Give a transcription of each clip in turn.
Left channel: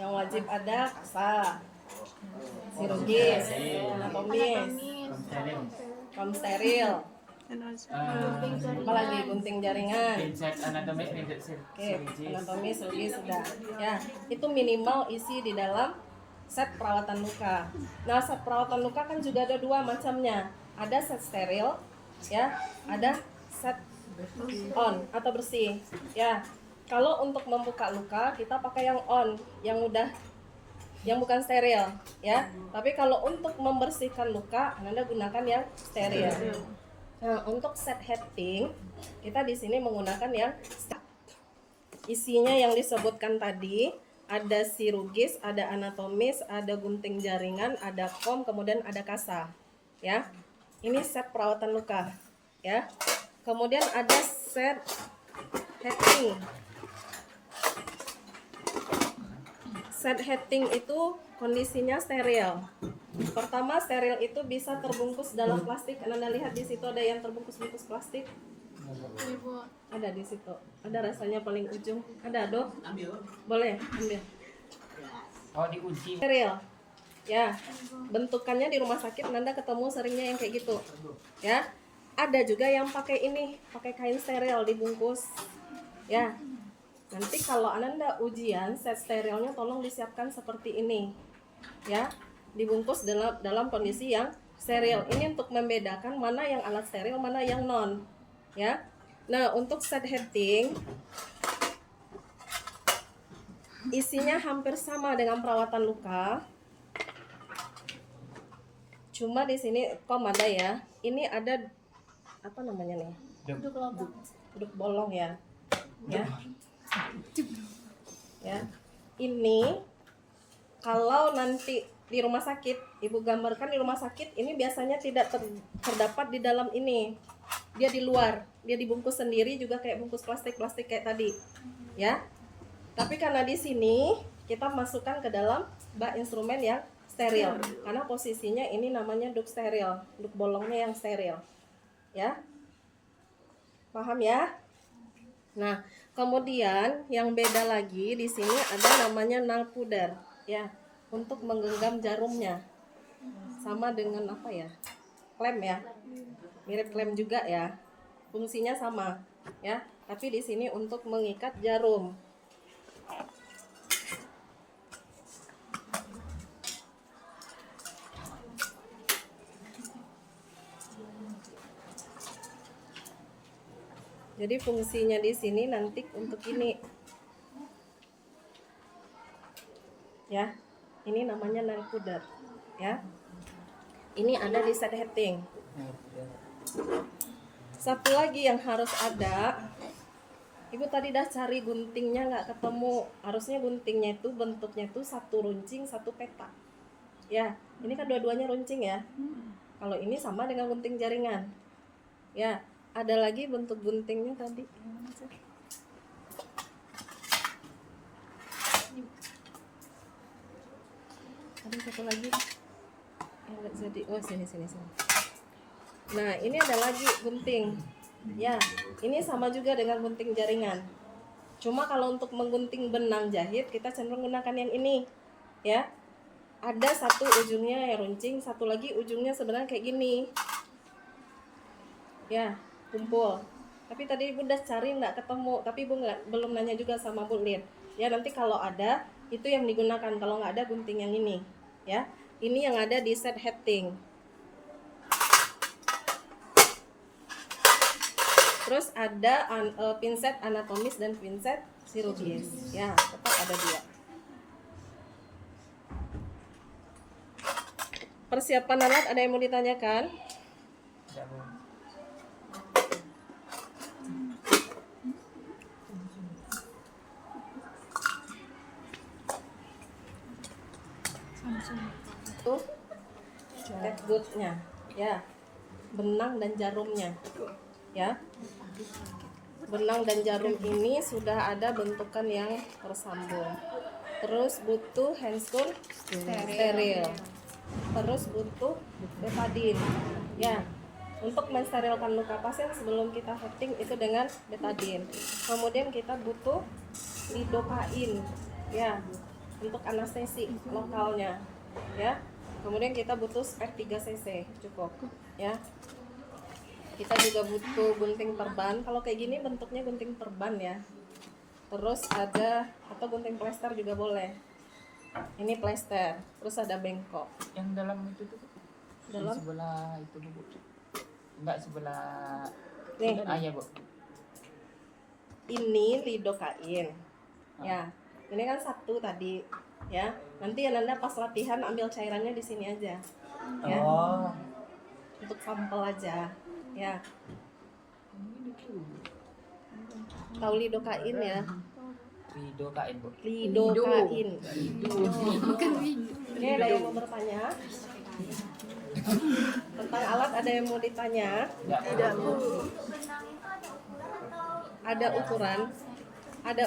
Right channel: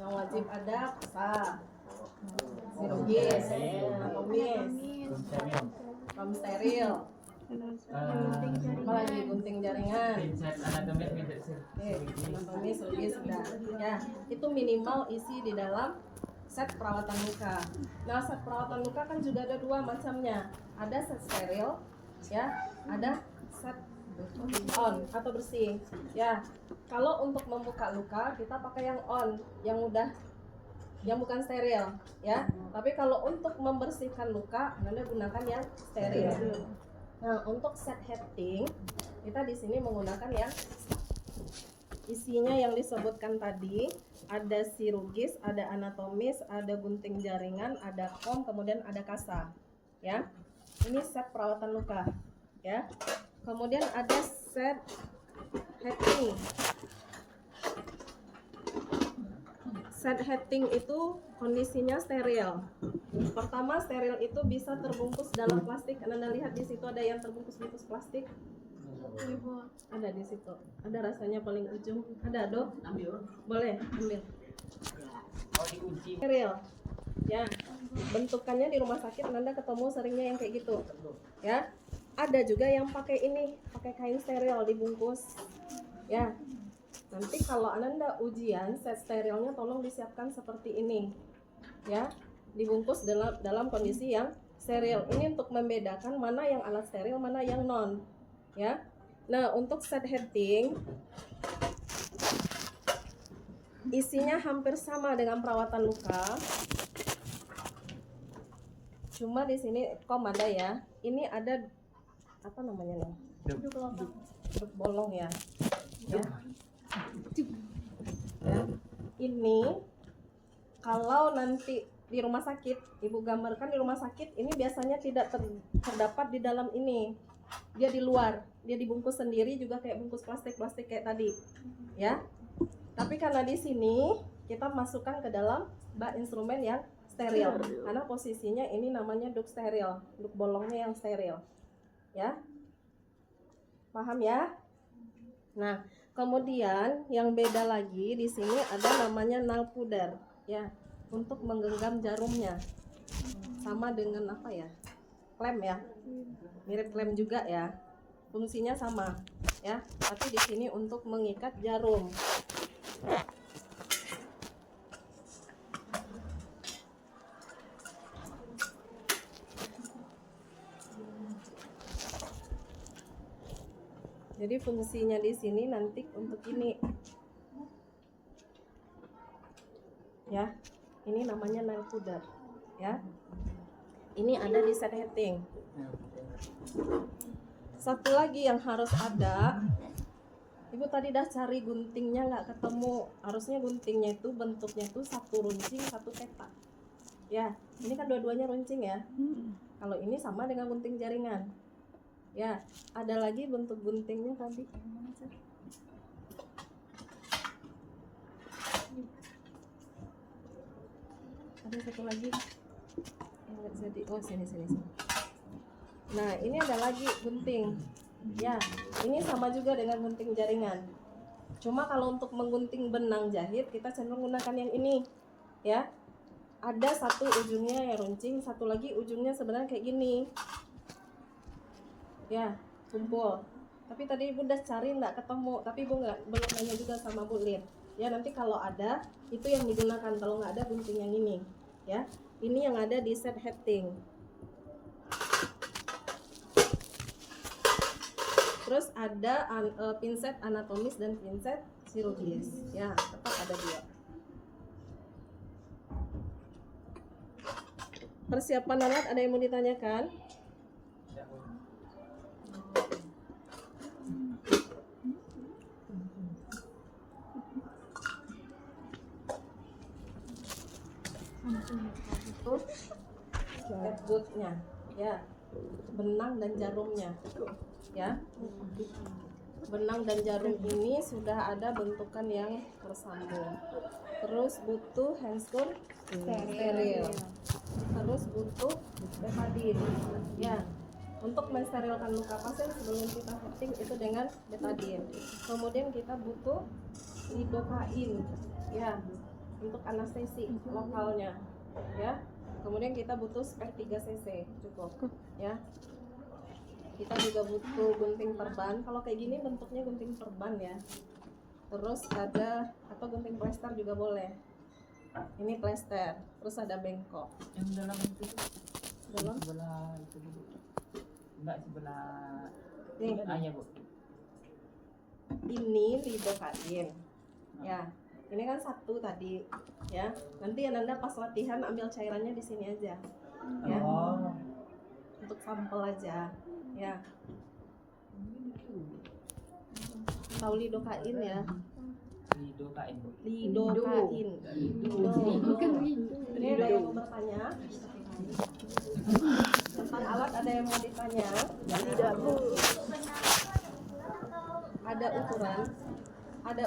Yang wajib ada kasa, sirugis, anatomis, kaum steril, apalagi gunting jaringan. Oke, anatomis, sirugis sudah. Ya, itu minimal isi di dalam set perawatan luka. Nah, set perawatan luka kan juga ada dua macamnya. Ada set steril, ya, ada set on atau bersih. Ya, kalau untuk membuka luka kita pakai yang on, yang bukan steril, ya. Tapi kalau untuk membersihkan luka, Anda gunakan yang steril. Nah, untuk set heading kita di sini menggunakan yang isinya yang disebutkan tadi. Ada sirugis, ada anatomis, ada gunting jaringan, ada kom, kemudian ada kasa. Ya, ini set perawatan luka. Ya, kemudian ada set heading. Set heading itu kondisinya steril. Pertama, steril itu bisa terbungkus dalam plastik. Anda lihat di situ ada yang terbungkus-bungkus plastik. Ada di situ. Ada rasanya paling ujung. Ada, Dok? Boleh, ambil. Oh, diuji. Steril. Ya. Bentukannya di rumah sakit Anda ketemu seringnya yang kayak gitu. Ya. Ada juga yang pakai ini, pakai kain steril dibungkus. Ya. Nanti kalau Anda ujian, set sterilnya tolong disiapkan seperti ini. Ya. Dibungkus dalam kondisi yang steril. Ini untuk membedakan mana yang alat steril, mana yang non. Ya. Nah, untuk set heading isinya hampir sama dengan perawatan luka. Cuma di sini kom ada ya. Ini ada apa namanya nih? Duduk bolong ya. Ya. Ya. Ini kalau nanti di rumah sakit, Ibu gambarkan di rumah sakit ini biasanya tidak terdapat di dalam ini. Dia di luar, dia dibungkus sendiri juga kayak bungkus plastik kayak tadi. Ya. Tapi karena di sini kita masukkan ke dalam bak instrumen yang steril. Karena posisinya ini namanya duk steril, duk bolongnya yang steril. Ya. Paham ya? Nah, kemudian yang beda lagi di sini ada namanya nail powder, ya, untuk menggenggam jarumnya. Sama dengan apa ya? Klem ya. Mirip klem juga ya. Fungsinya sama, ya. Tapi di sini untuk mengikat jarum. Jadi fungsinya di sini nanti untuk ini. Ya. Ini namanya nail powder, ya. Ini ada di set heading. Satu lagi yang harus ada, Ibu tadi dah cari guntingnya nggak ketemu. Harusnya guntingnya itu bentuknya itu satu runcing, satu peta. Ya, ini kan dua-duanya runcing ya. Kalau ini sama dengan gunting jaringan. Ya, ada lagi bentuk guntingnya tadi. Ada satu lagi. Nggak jadi. Oh, sini. Nah, ini ada lagi gunting. Ya, ini sama juga dengan gunting jaringan. Cuma kalau untuk menggunting benang jahit kita cenderung gunakan yang ini. Ya. Ada satu ujungnya yang runcing, satu lagi ujungnya sebenarnya kayak gini. Ya, kumpul. Tapi tadi Ibu udah cari nggak ketemu, tapi Ibu belum nanya juga sama Bu Lin. Ya, nanti kalau ada itu yang digunakan, kalau nggak ada gunting yang ini. Ya, ini yang ada di set heading. Terus ada pinset anatomis dan pinset sirugis. Ya, tetap ada dua. Persiapan alat ada yang mau ditanyakan? Tuh, catgutnya, ya, benang dan jarumnya, ya. Benang dan jarum ini sudah ada bentukan yang tersambung. Terus butuh handscoon steril. Terus butuh betadine. Ya, untuk mensterilkan luka pasien sebelum kita heading itu dengan betadine. Kemudian kita butuh lidocain. Ya, untuk anestesi lokalnya, ya. Kemudian kita butuh spare 3 cc cukup, ya. Kita juga butuh gunting perban. Kalau kayak gini bentuknya gunting perban ya. Terus ada atau gunting plester juga boleh. Ini plester. Terus ada bengkok. Yang dalam itu tuh. Dalam? Sebelah itu Bu. Enggak sebelah. Nih. Ya Bu. Ini lidokain. Ya. Ini kan satu tadi, ya. Nanti Anda pas latihan ambil cairannya di sini aja. Ya. Oh. Untuk sampel aja, ya. Tahu lidokain ya? Lidokain Bu. Lidokain. Ini ada yang mau bertanya? Tentang alat ada yang mau ditanya? Tidak, Bu. Ada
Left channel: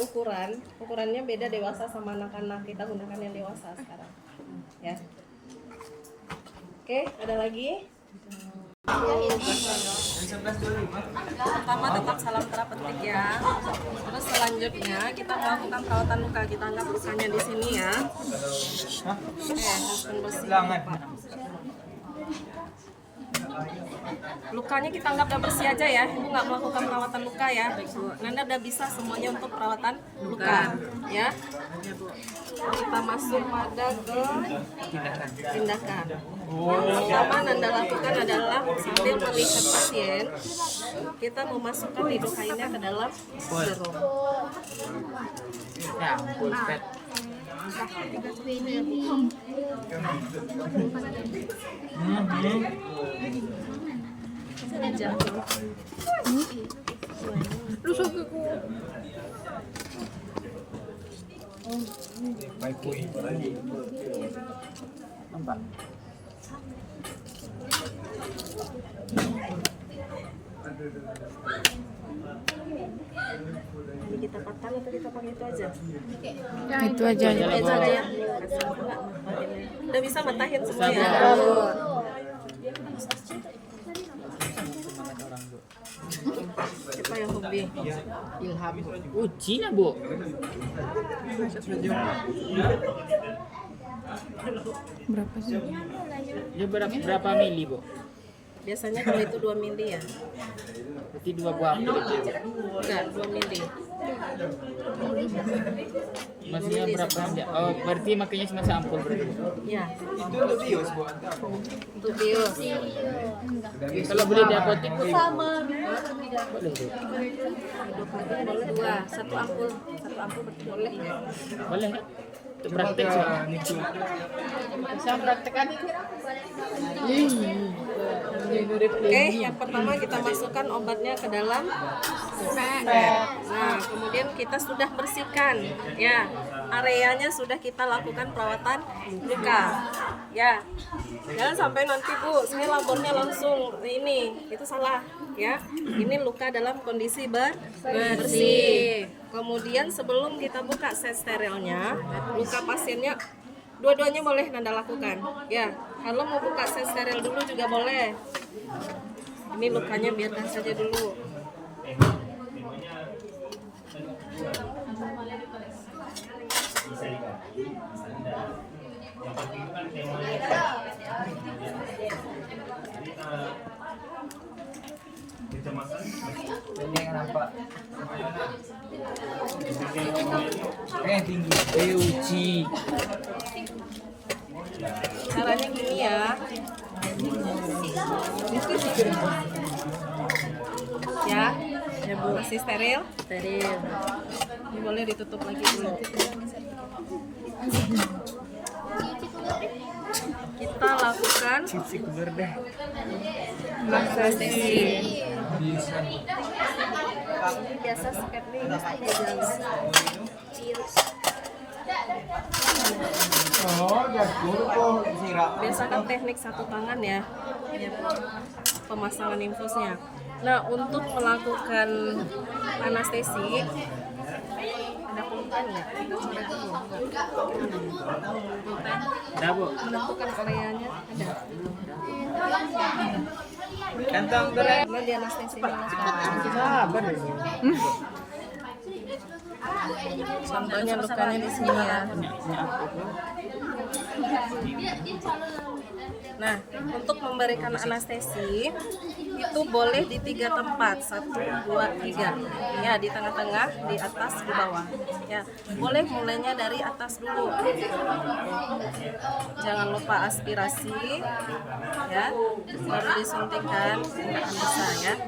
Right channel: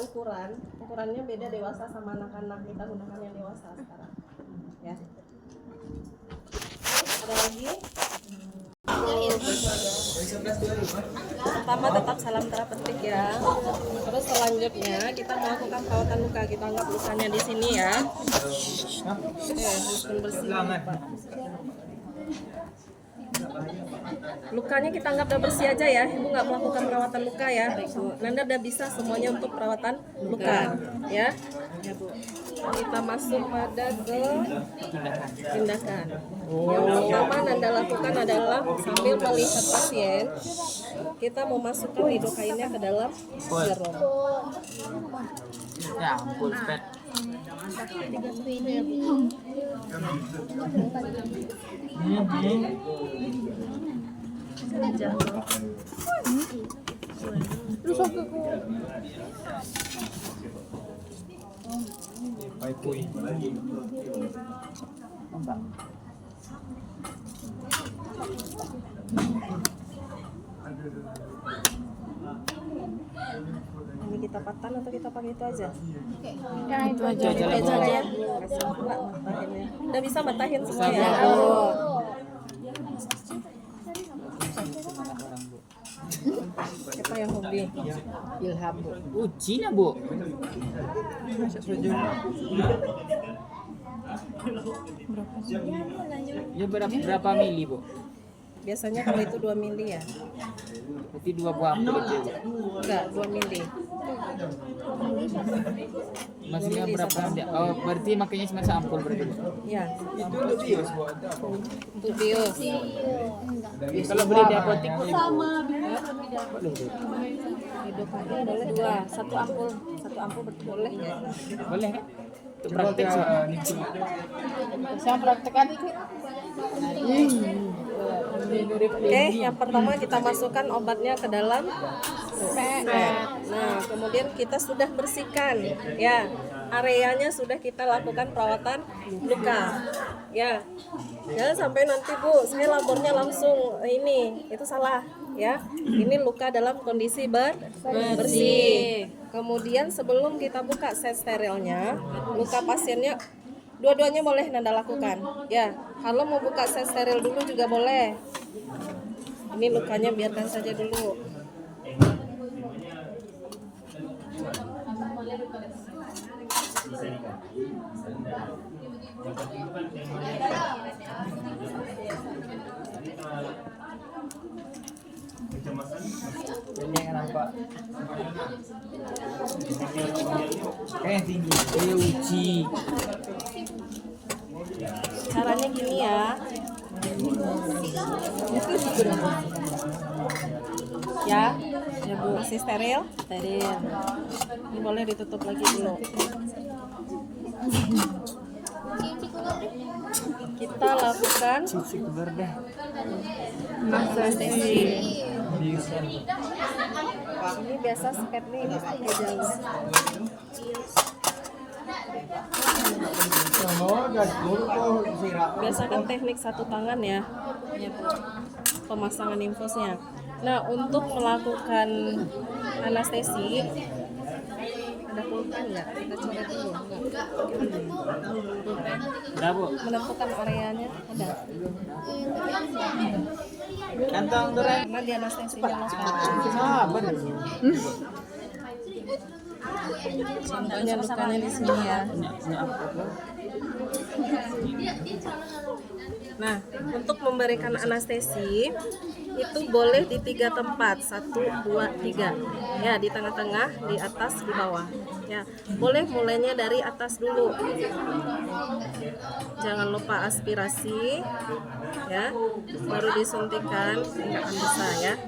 ukuran. Ukurannya beda dewasa sama anak-anak. Kita gunakan yang dewasa sekarang. Ya. Oke, ada lagi? Pertama tetap salam terapeutik ya. Terus selanjutnya kita melakukan perawatan luka. Kita anggap lukanya di sini ya. Oke, langsung bersih. Pak. Lukanya kita anggap udah bersih aja ya. Ibu nggak melakukan perawatan luka ya. Nanda udah bisa semuanya untuk perawatan luka ya. Kita masuk pada ke tindakan. Yang pertama Nanda lakukan adalah sambil melihat pasien, kita memasukkan lidokainnya ke dalam serum. Ya ampun, pet. Nampak. Ini kita patan atau kita pakai itu aja? Itu aja. Itu aja. Udah bisa matahin semuanya. Semangat orang Bu. Siapa yang hobi? Ilham Bu. Cina Bu. Berapa sih? Ya berapa mili Bu? Biasanya kalau itu 2 mili ya? Berarti 2 buah ampul itu ya Bu? Enggak, 2 mili. Maksudnya berapa? Oh berarti makanya cuma seampul berarti Bu? Ya. Itu bios Bu. Untuk bios. Kalau beli di apotek Bu? Boleh Bu? Boleh 2, 1 ampul berarti boleh. Boleh kan? Untuk praktek sih. Saya praktekkan itu. Oke, yang pertama kita masukkan obatnya ke dalam set. Nah, kemudian kita sudah bersihkan, ya, areanya sudah kita lakukan perawatan luka, ya. Jangan sampai nanti Bu, saya labornya langsung ini, itu salah, ya. Ini luka dalam kondisi bersih. Kemudian sebelum kita buka set sterilnya, luka pasiennya dua-duanya boleh Nanda lakukan, ya. Kalau mau buka set steril dulu juga boleh. Ini lukanya biarkan saja dulu. Ini yang nampak. Yang tinggi. Uji. Caranya gini ya. Ya Bu, masih steril? Steril. Ini boleh ditutup lagi dulu. Kita lakukan anestesi. Ini biasa step nih, biasakan teknik satu tangan ya, pemasangan infusnya. Nah, untuk melakukan anestesi ada pulpen nggak? Kita coret dulu. Pulpen. Ada Bu. Menentukan areanya ada. Kantong goreng. Karena di anestesi lokal. Sabar. Contohnya lukanya di sini ya. Ini apa kok? Nah, untuk memberikan anestesi itu boleh di 3 tempat, 1, 2, 3. Ya, di tengah-tengah, di atas, di bawah. Ya, boleh mulainya dari atas dulu. Jangan lupa aspirasi, ya. Baru disuntikan bisa ya.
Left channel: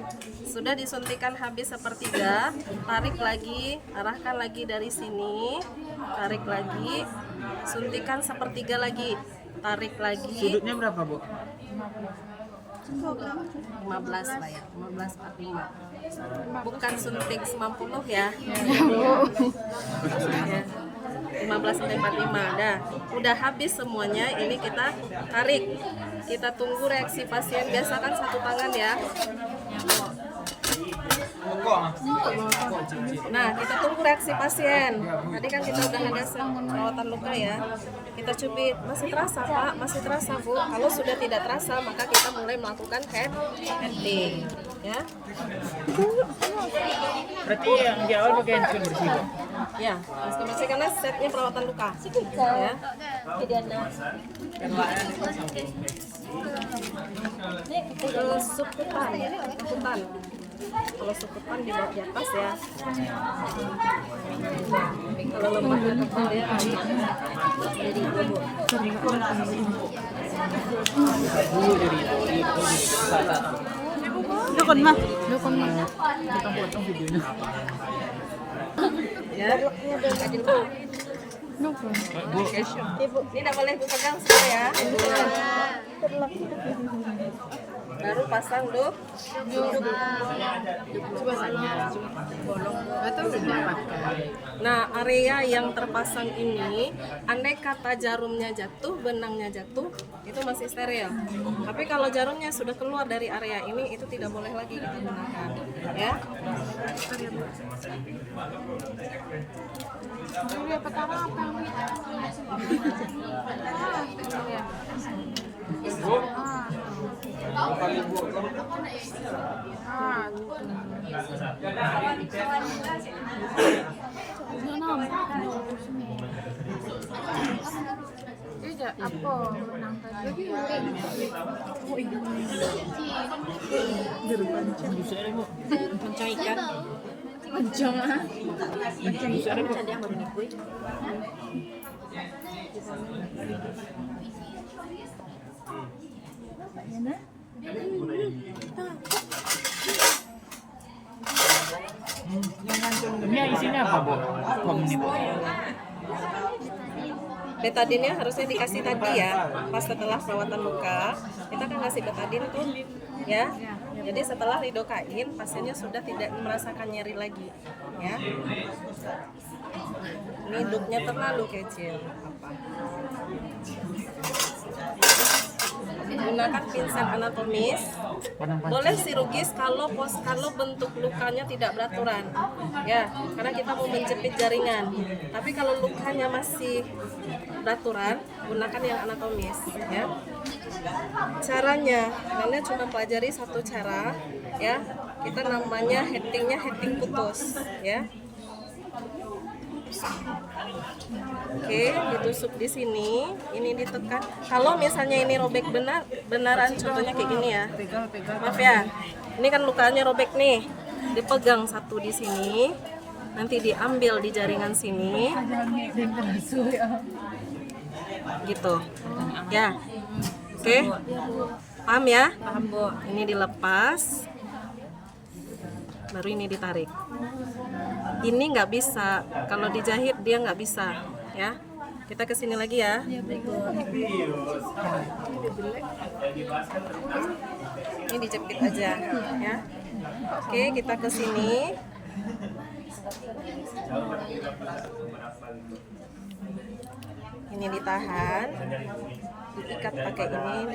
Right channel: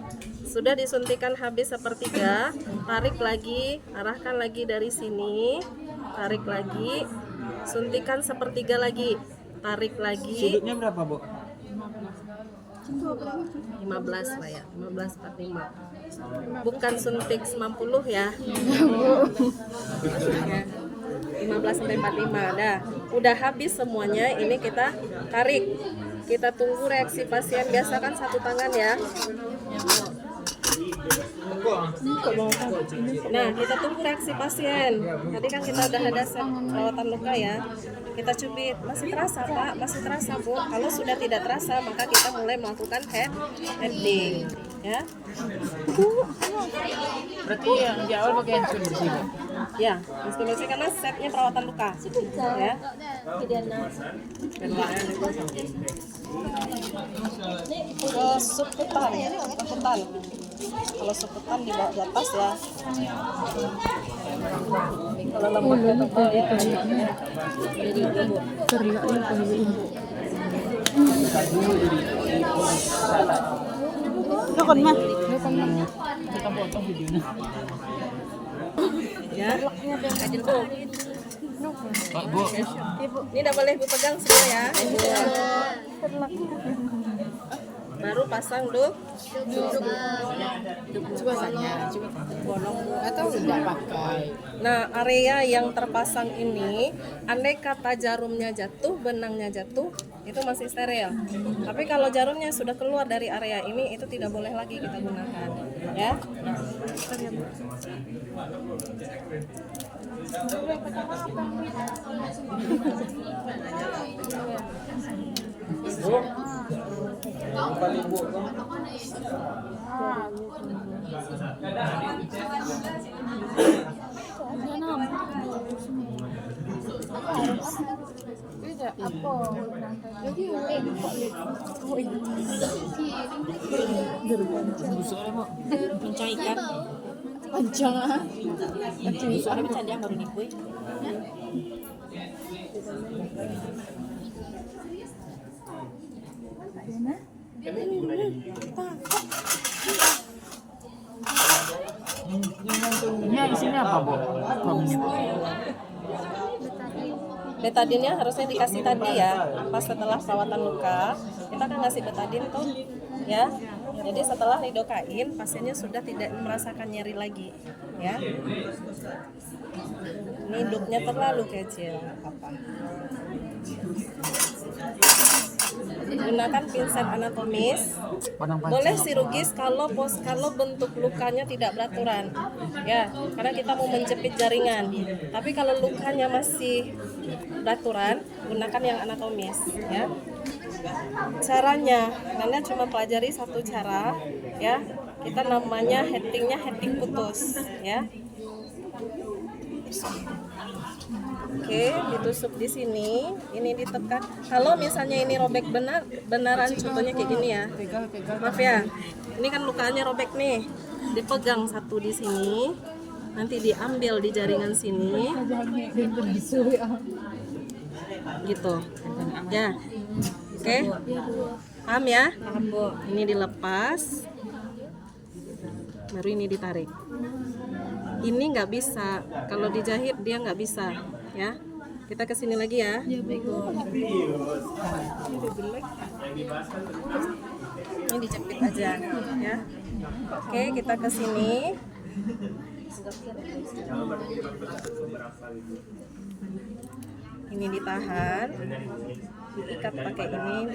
Sudah disuntikan habis sepertiga, tarik lagi, arahkan lagi dari sini, tarik lagi, suntikan sepertiga lagi, tarik lagi. Sudutnya berapa, Bu? 15 lah ya, 15/45. Bukan suntik 90 ya. 15/45 dah. Udah habis semuanya, ini kita tarik. Kita tunggu reaksi pasien, biasakan satu tangan ya. Nah, kita tunggu reaksi pasien. Tadi kan kita udah ada set perawatan luka ya. Kita cubit, masih terasa Pak, masih terasa Bu. Kalau sudah tidak terasa, maka kita mulai melakukan handling ya. Berarti yang di awal pakai handphone bersih, Bu? Ya, masker bersih karena setnya perawatan luka. Ya. Suputan, suputan. Kalau suputan dibawa di atas ya. Kalau lemaknya tebal ya. Jadi ibu. Dulu jadi itu salah. Dukun mah. Kita potong videonya. Ya. Pak, Bu. Ibu, ini udah boleh ibu pegang semua ya. Baru pasang duk. Coba saya. Atau tidak pakai. Nah, area yang terpasang ini, andai kata jarumnya jatuh, benangnya jatuh, itu masih steril. Tapi kalau jarumnya sudah keluar dari area ini, itu tidak boleh lagi kita gunakan. Ya. Tidak apa benang tadi. Bisa ada, Bu? Pancang ikan. Pancang ah. Bisa ada, Bu? Ini isinya apa, Bu? Kom ini, Bu? Betadinnya harusnya dikasih tadi ya, pas setelah perawatan luka kita kan ngasih betadin tuh ya. Jadi setelah lidokain pasiennya sudah tidak merasakan nyeri lagi ya. Ini dupnya terlalu kecil apa? Gunakan pinset anatomis. Boleh chirurgis kalau bentuk lukanya tidak beraturan ya, karena kita mau menjepit jaringan. Tapi kalau lukanya masih beraturan, gunakan yang anatomis ya. Caranya Nenek cuma pelajari satu cara ya, kita namanya heading putus ya. Oke, ditusuk di sini, ini ditekan. Kalau misalnya ini robek benaran, contohnya kayak gini ya. Maaf ya, ini kan lukanya robek nih. Dipegang satu di sini, nanti diambil di jaringan sini. Gitu, ya. Oke, paham ya? Paham Bu. Ini dilepas, baru ini ditarik. Ini nggak bisa, kalau dijahit dia nggak bisa ya. Kita kesini lagi ya. Ini dijepit aja ya. Oke, kita kesini. Ini ditahan, diikat pakai ini,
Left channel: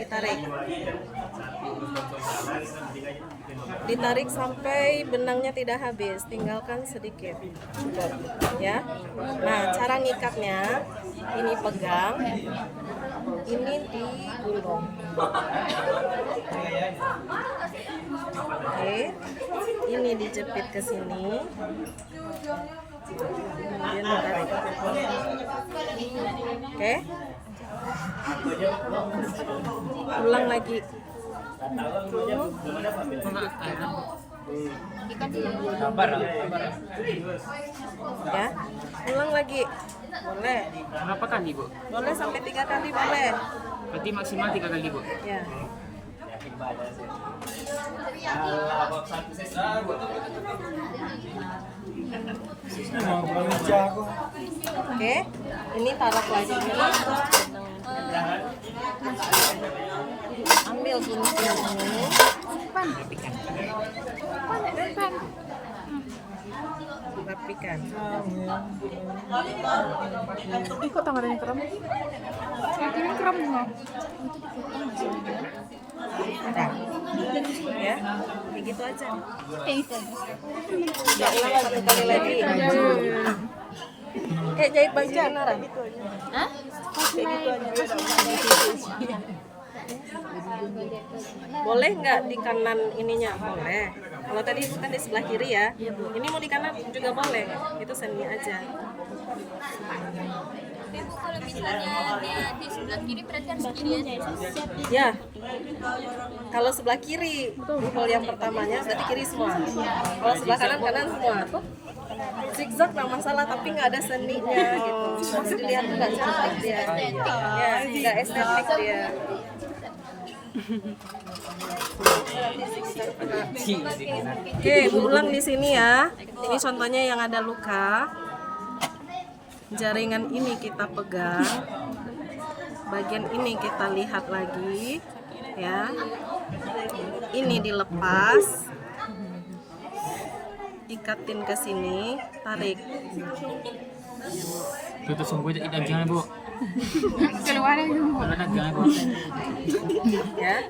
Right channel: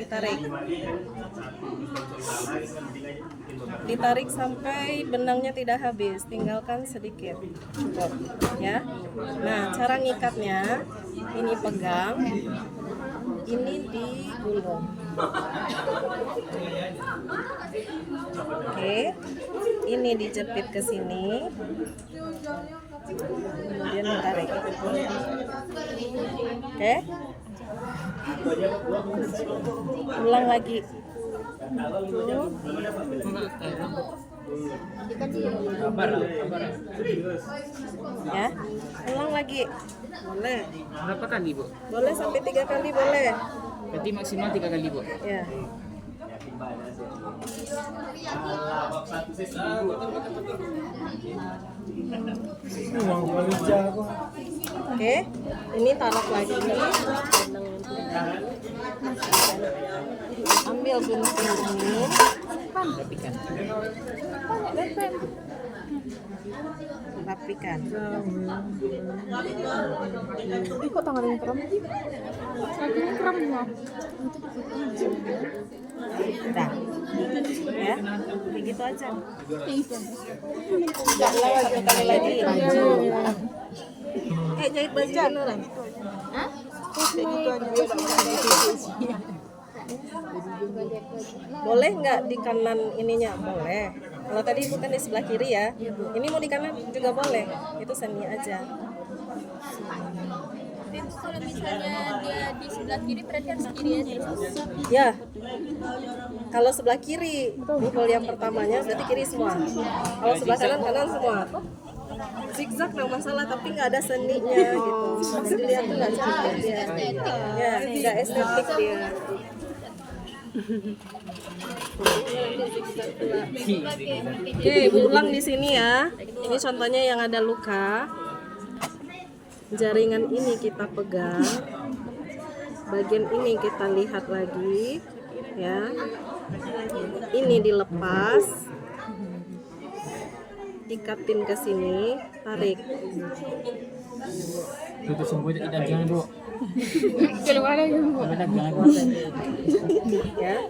ditarik sampai benangnya tidak habis, tinggalkan sedikit ya. Nah, cara ngikatnya ini pegang, ini digulung. Oke, ini dijepit ke sini, Kemudian ditarik. Oke. Ulang lagi. Tuh. Ya, ulang lagi. Boleh. Berapa kali, Bu? Boleh sampai 3 kali boleh. Berarti maksimal 3 kali, Bu. Ya. Oke, ini taruh lagi. Ambil gunting ini. Rapikan. Kok tangannya kram? Kakinya kram nggak? Nah, ya, begitu aja. Itu. Nggak lama 1 kali lagi. Jahit baju beneran. Hah? Boleh nggak di kanan ininya? Boleh. Kalau tadi bukan di sebelah kiri ya. Ini mau di kanan juga boleh. Itu seni aja. Ibu kalau misalnya dia di sebelah kiri berarti harus kiri aja. Ya. Kalau sebelah kiri, hole yang pertamanya berarti kiri semua. Kalau sebelah kanan kanan semua. Zigzag nggak masalah, tapi nggak ada seninya gitu. Dilihat tuh nggak cantik dia. Ya, nggak estetik dia. Oke, ulang di sini ya. Ini contohnya yang ada luka. Jaringan ini kita pegang. Bagian ini kita lihat lagi, ya. Ini dilepas. Ikatin ke sini, tarik. Tutup sungguh dagingnya, Bu. Keluar lagi. Kalau dagingnya, Bu. Ya,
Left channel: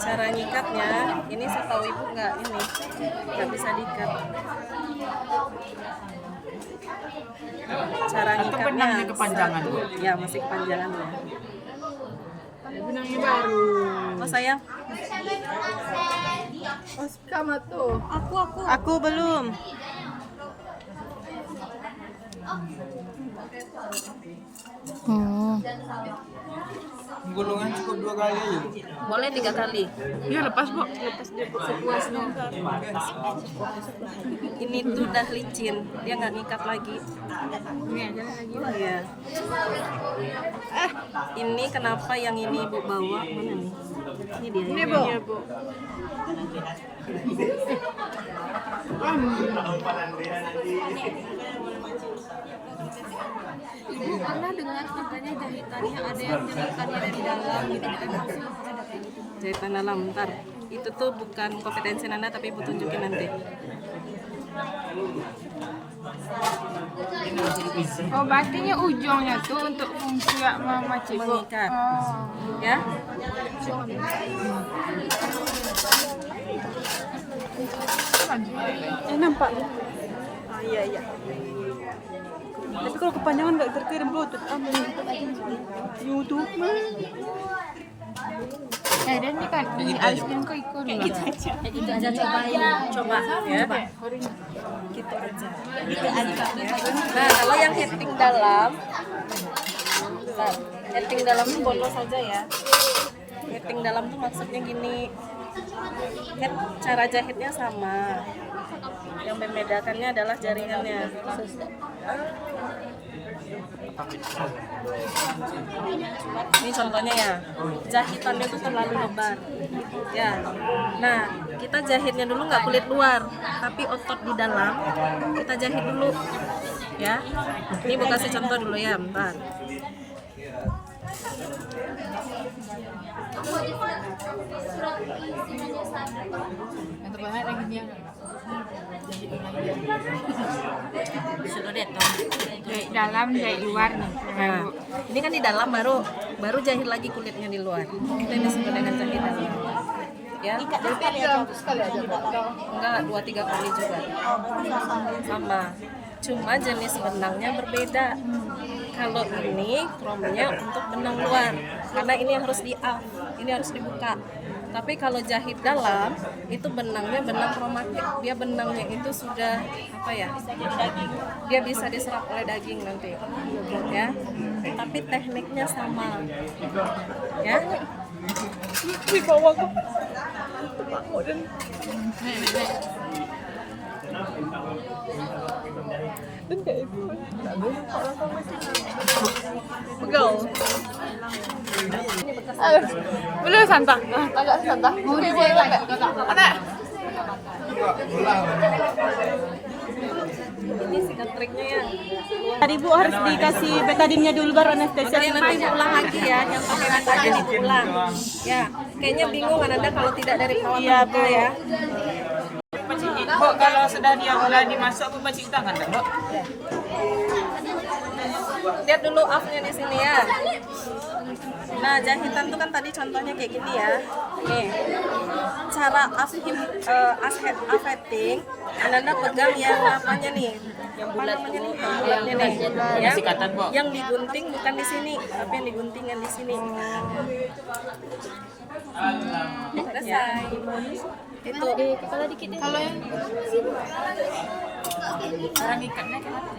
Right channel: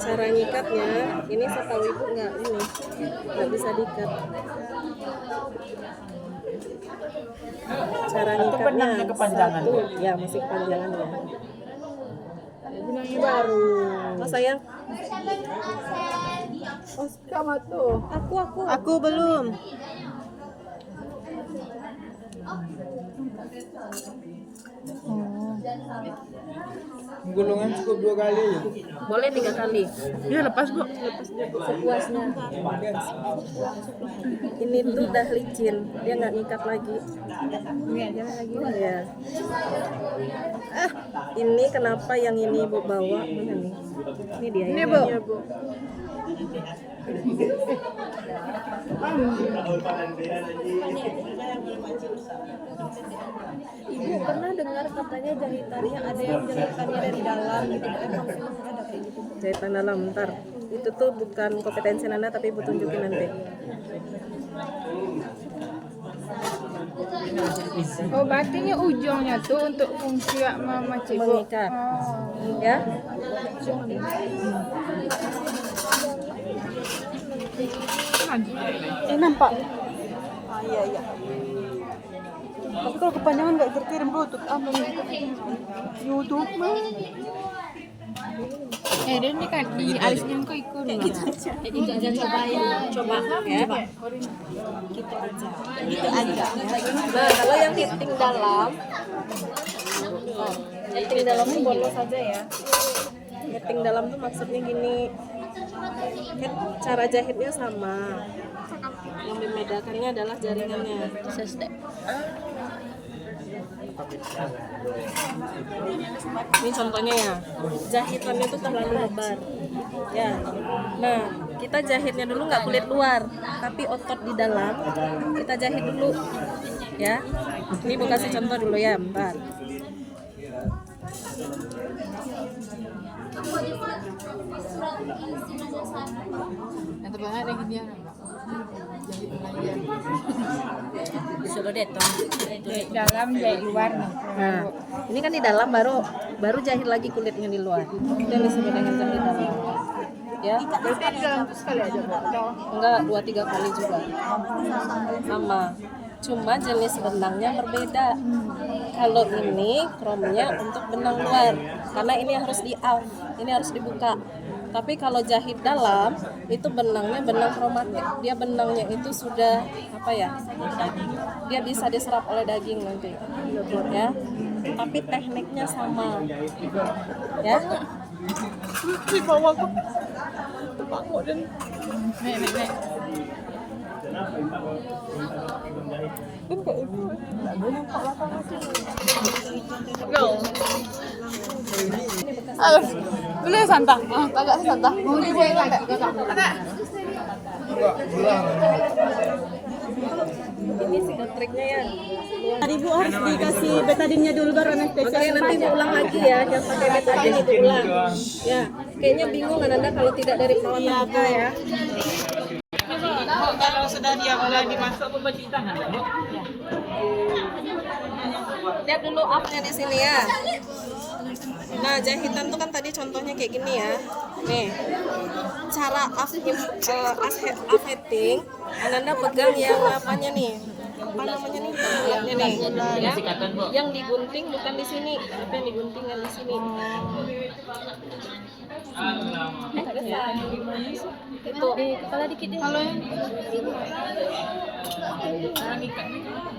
cara ngikatnya ini setahu ibu nggak bisa diikat. Cara ngikatnya benangnya kepanjangan, satu, ya masih kepanjangan ya. Benangnya baru. Oh sayang, Kamu tuh. Aku belum. Gulungan cukup 2 kali aja. boleh 3 kali. Ya lepas, Bu. Lepas dia sepuasnya. Ini tuh udah licin, dia nggak ngikat lagi. Ini aja lagi. Ya. Ini kenapa yang ini ibu bawa mana nih? Ini dia ya. Bu. Iya, Bu. Ibu pernah dengar katanya jahitannya ada yang jahitannya dari dalam gitu, emang sih ada kayak gitu. Jahitan dalam, ntar. Itu tuh bukan kompetensi Nanda, tapi ibu tunjukin nanti. Oh, berarti ujungnya tuh untuk fungsi mama cibu. Mengikat. Ya. Nampak. Iya. Tapi kalau kepanjangan nggak terkirim bluetooth, apa nih? YouTube mah. Dia ini kan di aliskan kok ikut. Gitu aja Coba ya. Gitu aja. Nah, kalau yang heading dalam, heading dalam tuh bonus aja ya. Heading dalam tuh maksudnya gini. Cara jahitnya sama. Yang membedakannya adalah jaringannya. Ini contohnya ya, jahitannya tuh terlalu lebar ya. Nah, kita jahitnya dulu nggak kulit luar, tapi otot di dalam kita jahit dulu ya. Ini mau kasih contoh dulu ya, bentar. Yang terbanyak lagi dia. Sudah deh, Dalam jahit luar nih. nah, ini kan di dalam baru jahit lagi kulitnya di luar. Itu yang disebut dengan jahit dalam. Ya, Dalam sekali aja, Bu. enggak 2-3 kali juga. Sama. Cuma jenis benangnya berbeda. Kalau ini chrome-nya untuk benang luar, karena ini harus di out, ini harus dibuka. Tapi kalau jahit dalam itu benangnya benang kromatik, dia benangnya itu sudah apa ya? Dia bisa diserap oleh daging nanti, ya. Tapi tekniknya sama, ya. Di bawah kok. Tepakmu dan kayak itu nggak boleh kok lakukan masih pegal. Aduh, boleh santah, agak santah. Mau dijahit lagi kakak? Ini sih triknya ya. Tadi Bu harus dikasih betadinnya dulu baru anestesia. Oke, nanti ulang lagi ya, yang pakai betadin itu ulang. Ya, kayaknya bingung Ananda kalau tidak dari perawat luka ya. Bu, kalau sudah dia mulai dimasak, Bu cuci tangan enggak, Bu? Lihat dulu up-nya di sini ya. Nah, jahitan tuh kan tadi contohnya kayak gini ya. Nih, cara affecting, Ananda pegang yang apanya nih? Yang bulat namanya nih, bulatnya nih. Ya, Sikatan, Bu. yang digunting bukan di sini, tapi yang digunting yang di sini. Selesai. Itu Di kepala dikit deh. Kalau yang Sekarang ikatnya kenapa?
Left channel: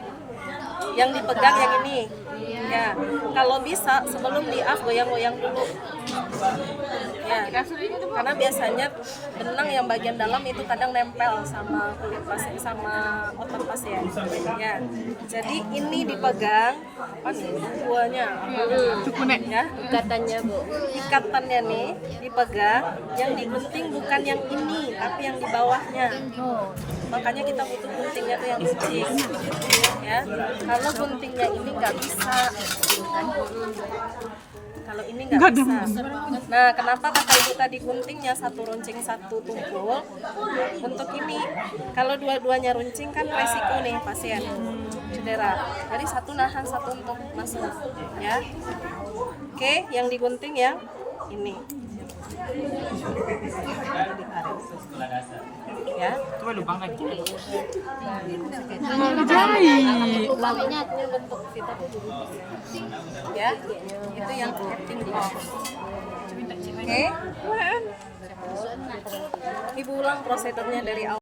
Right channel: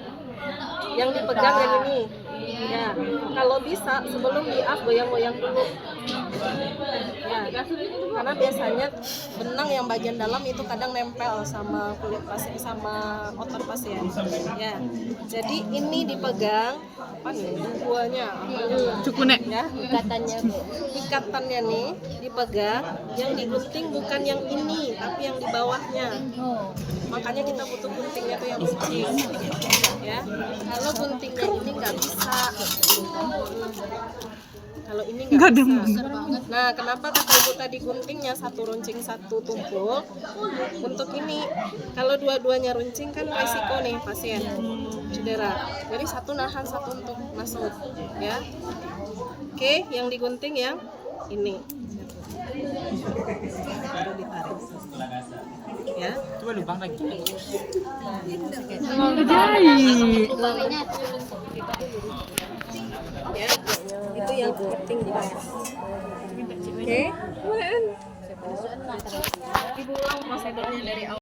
yang dipegang yang ini. Ya, kalau bisa sebelum di-up goyang-goyang dulu. Ya, karena biasanya benang yang bagian dalam itu kadang nempel sama kulit pasien sama otot pasien. Ya, jadi ini dipegang apa nih? Buahnya Cukunek. ya. ikatannya Bu. Ikatannya nih dipegang, yang digunting bukan yang ini, tapi yang di bawahnya. Oh. Makanya kita butuh guntingnya tuh yang gunting, ya. Kalau guntingnya ini nggak bisa, kalau ini nggak bisa. Nah, kenapa kata ibu tadi guntingnya satu runcing satu tumpul? Untuk ini, kalau dua-duanya runcing kan resiko nih pasien cedera. Jadi satu nahan, satu untuk masuk, ya. Oke, yang digunting yang ini. Baru ditarik. Ya. Coba lubang lagi. Ya, itu yang cutting block. Oke. Ibu ulang prosedurnya dari awal.